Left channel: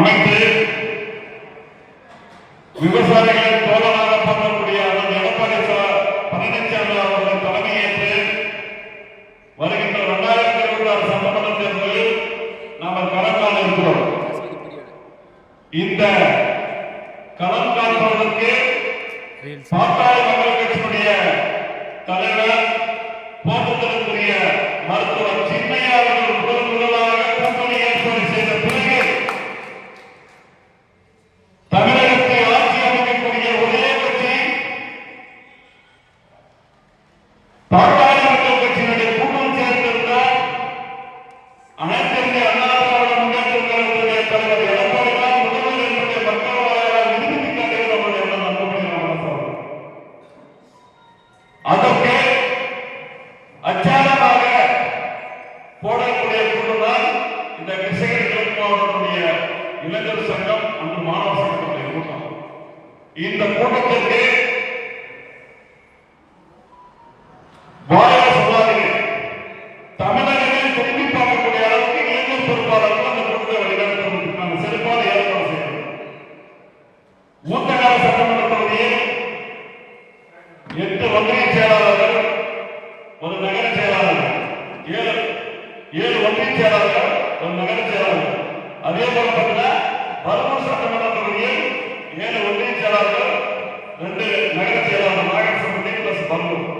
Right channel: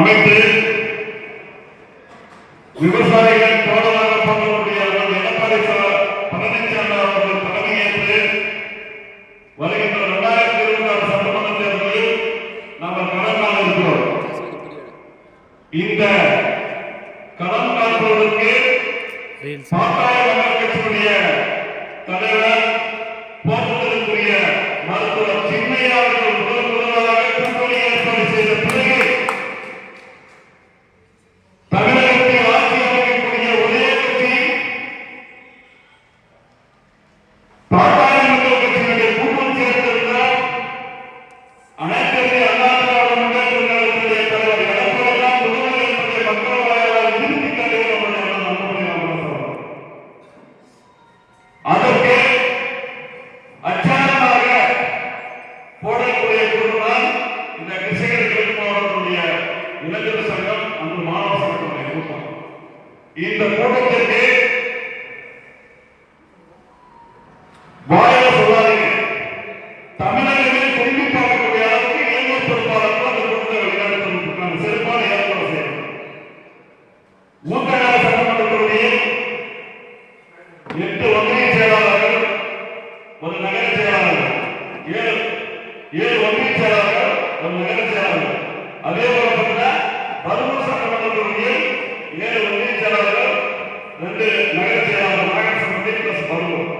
அமைத்து விவசாயிகளின் தோழனாக போகக்கூடிய எடப்பாடி பழனிசாமி அவர்கள் தலைமையேற்று வருகின்ற 2026 சட்டமன்ற தேர்தலில் நாம் களம் காண இருக்கிறோம். இந்த களம் காண்பதற்கு பாட்டாளி மக்கள் கட்சியினுடைய தலைவர் போக்குவரத்துக்குரிய மருத்துவர் சின்னையா அவர்கள் முதலாக கூட்டணி ஏற்பாடு செய்த பிறகு தமிழகத்தில் ஆட்சி அமைக்கக்கூடிய ஒரே கட்சி பாட்டாளி மக்கள் கட்சியினுடைய கூட்டம் சேர்ந்திருந்தால் அனைத்து இந்திய அண்ணா திராவிட முன்னேற்ற கழகத்தினுடைய தலைவர் எடப்பாடி தான் முதல்வர் என்பதை மக்கள் வாயால் நிறுத்தி காட்டுகிறோம் என்ற நம்பிக்கை நாம் அதற்கு அச்சாரமாக போடக்கூடிய கூட்டம் இந்த கிருஷ்ணகிரி மாவட்டத்துடைய இளைஞர் சங்கம் அந்த மாணவ சங்கத்துடைய கூட்டம். இந்த கூட்டத்திற்கு வாயில சொல்லாதீங்க, தமிழகமே திரும்பி பார்க்கக்கூடிய அளவுக்கு இளைஞர் பொறுப்பாளர்கள் அந்த கூட்டத்தை வெளிநடத்துவதற்கான சிறப்பான ஏற்பாடு செய்யணும். ஊத்தகால சட்டமன்ற தொகுதியில் 8 ஒன்றிய செயலாளர்கள், ஒரு நகர செயலாளர், 7 ஒன்றிய செயலாளர்கள், ஒரு நகர செயலாளர். அதே போல பார்த்தீங்கன்னா பருவூர் சட்டமன்ற தொகுதியில் 7 ஒன்றிய செயலாளர்கள், 2 நகர செயலாளர், நகர சம்பந்தி பிளஸ் பருவூர்.